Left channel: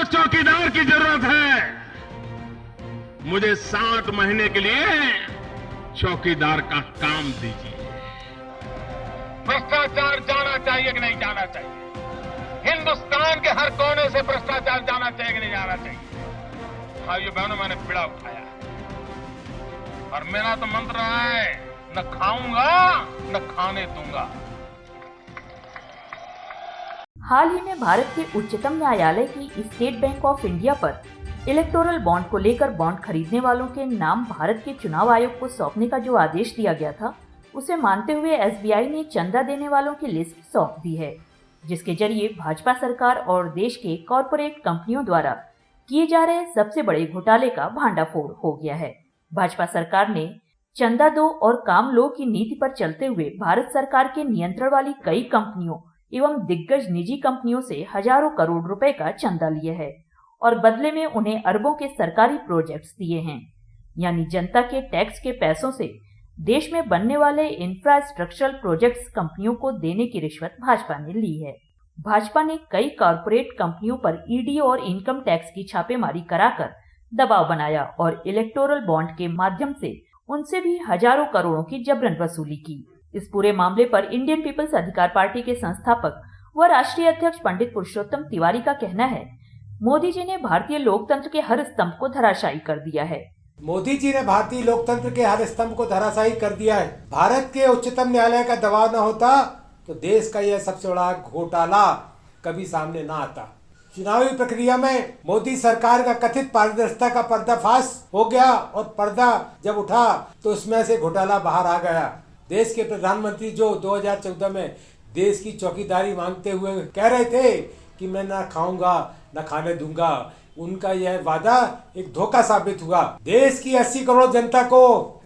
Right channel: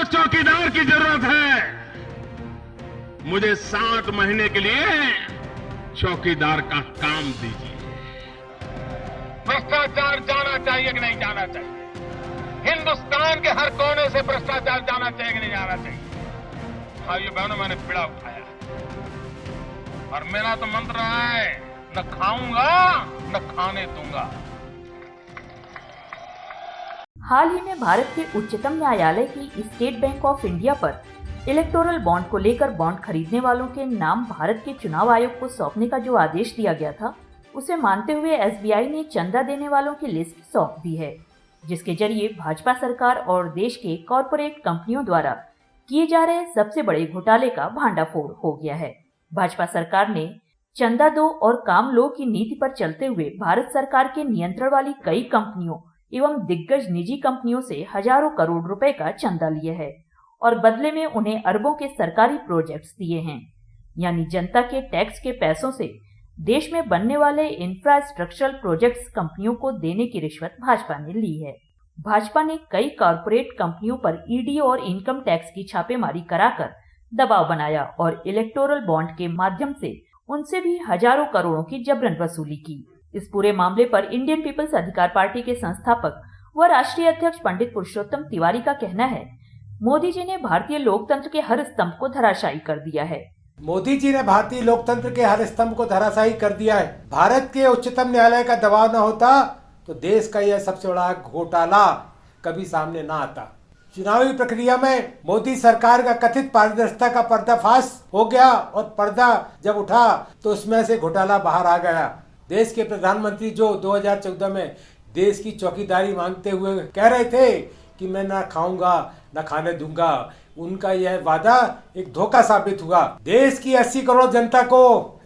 को चौकीदार की जरूरत है। मुझे 60 महीने के लिए चौकीदार का काम दीजिए। भ्रष्टाचार जाना चाहिए कि नहीं जाना चाहिए? हिंदुस्तान के हर कोने से भ्रष्टाचार जाना चाहिए कि नहीं जाना चाहिए? भाइयों बहनों, मैंने बीड़ा उठाया है और मेरा तो मंत्र रहा है, न खाऊंगा न खाने दूंगा। हाल ही में भारत के उच्चतम न्यायालय की स्टेट बैंक ऑफ इंडिया पर इलेक्टोरल बॉन्ड को लेकर बॉन्ड खरीदने वालों के नाम भारत के चुनाव आयोग को सौंपने का जो आदेश दिया गया था, उसे मानते हुए एसबीआई ने चंदा देने वालों की लिस्ट सौंप दी है, जिसके जरिए भाजपा सरकार और देश के कॉरपोरेट कंपनियों द्वारा किए जा रहे सबसे बड़े घोटाले का भांडाफोड़ हो गया है। भाजपा सरकार ने चंदा दो और काम लो की नीति पर चलते हुए भारत सरकार के नियंत्रण वाली कई कंपनियों एवं दिग्गज निजी कंपनियों से हजारों करोड़ रुपए का चंदा लिया है और बदले में उन्हें अरबों के सरकारी प्रोजेक्ट्स दिए हैं। यानी जनता के टैक्स के पैसों से देश में बनने वाले इंफ्रास्ट्रक्चरल प्रोजेक्ट्स कंपनियों को देने की रिश्वत भाजपा ने ली है। भाजपा ने कई कॉरपोरेट कंपनियों पर ईडी और इनकम टैक्स की छापेमारी कराकर दबाव बनाया और इलेक्टोरल बॉन्ड के माध्यम से उनसे भी हजारों करोड़ों की जबरन वसूली की। इस पूरे मामले पर इंडियन पीपल्स अधिकार पार्टी के संस्थापक व राष्ट्रीय अध्यक्ष पंडित पुरुषोत्तम तिवारी का कहना है, मोदी जी ने भारतीय लोकतंत्र के हर स्तंभ को धराशायी कर दिया है। मोदी जी ने भारतीय लोकतंत्र के हर स्तंभ को धराशायी कर दिया है। भारत के उच्चतम न्यायालय का दबाव न होता तो देश का यह सबसे बड़ा घोटाला कभी सामने न आता। चुनावी प्रक्रिया में मोदी सरकार का कथित पारदर्शिता का पर्दाफाश हो गया और पर्दा जब उठा तो उसमें से घोटाला बाहर आ गया। देश के प्रधानमंत्री जो 2014 में देश की चौकीदारी मांगते हुए कह रहे थे कि मैं ना खाऊंगा न खाने दूंगा, उनका यह वादा एक धोखा साबित हुआ। देश की 80 करोड़ जनता को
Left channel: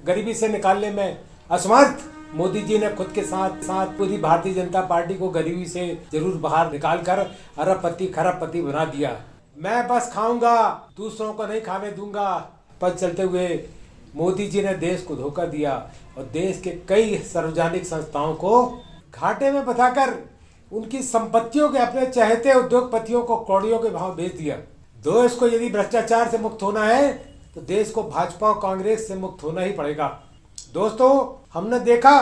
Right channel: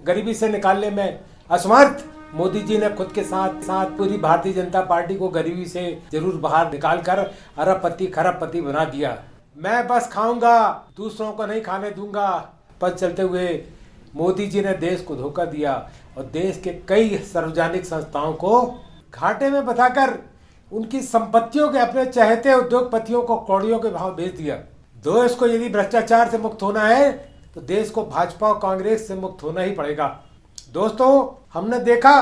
गरीबी से निकालने में असमर्थ मोदी जी ने खुद के साथ साथ पूरी भारतीय जनता पार्टी को गरीबी से जरूर बाहर निकालकर अरबपति खरबपति बना दिया। मैं बस खाऊंगा, दूसरों को नहीं खाने दूंगा पद चलते हुए मोदी जी ने देश को धोखा दिया और देश के कई सार्वजनिक संस्थाओं को घाटे में बताकर उनकी संपत्तियों के अपने चहेते उद्योगपतियों को कौड़ियों के भाव बेच दिया। देश को यदि भ्रष्टाचार से मुक्त होना है तो देश को भाजपा और कांग्रेस से मुक्त होना ही पड़ेगा। दोस्तों, हमने देखा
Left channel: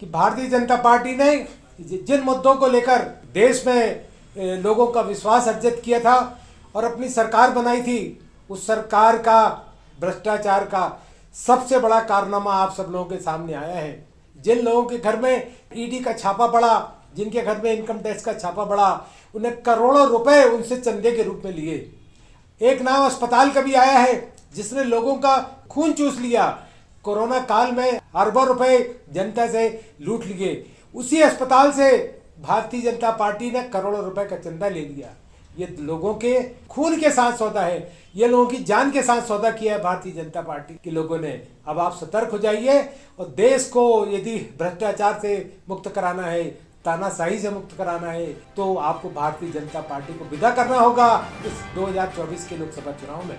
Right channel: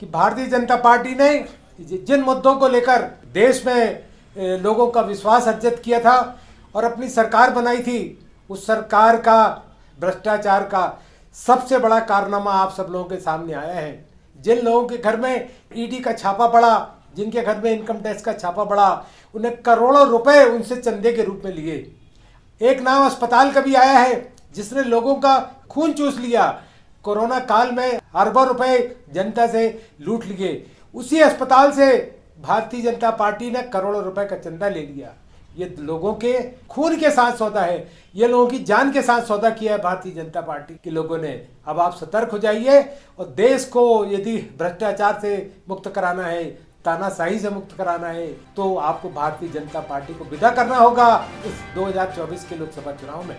कि भारतीय जनता पार्टी ने जिन मुद्दों को लेकर देश में लोगों का विश्वास अर्जित किया था और अपनी सरकार बनाई थी, उस सरकार का भ्रष्टाचार का सबसे बड़ा कारनामा आप सब लोगों के सामने आया है। जिन लोगों के घर में ईडी का छापा पड़ा, जिनके घर में इनकम टैक्स का छापा पड़ा, उन्हें करोड़ों रुपए उनसे चंदे के रूप में लिए। एक नाम अस्पताल का भी आया है जिसने लोगों का खून चूस लिया। कोरोना काल में अरबों रुपए जनता से लूट लिए। उसी अस्पताल से भारतीय जनता पार्टी ने करोड़ों रुपए का चंदा ले लिया। ये लोगों के खून के साथ सौदा है, ये लोगों की जान के साथ सौदा किया है भारतीय जनता पार्टी के लोगों ने। अब आप सतर्क हो जाइए और देश को यदि भ्रष्टाचार से मुक्त कराना है, तानाशाही से मुक्त कराना है, तो आपको भारतीय जनता पार्टी को विदा करना होगा इस 2024 के लोकसभा चुनाव में।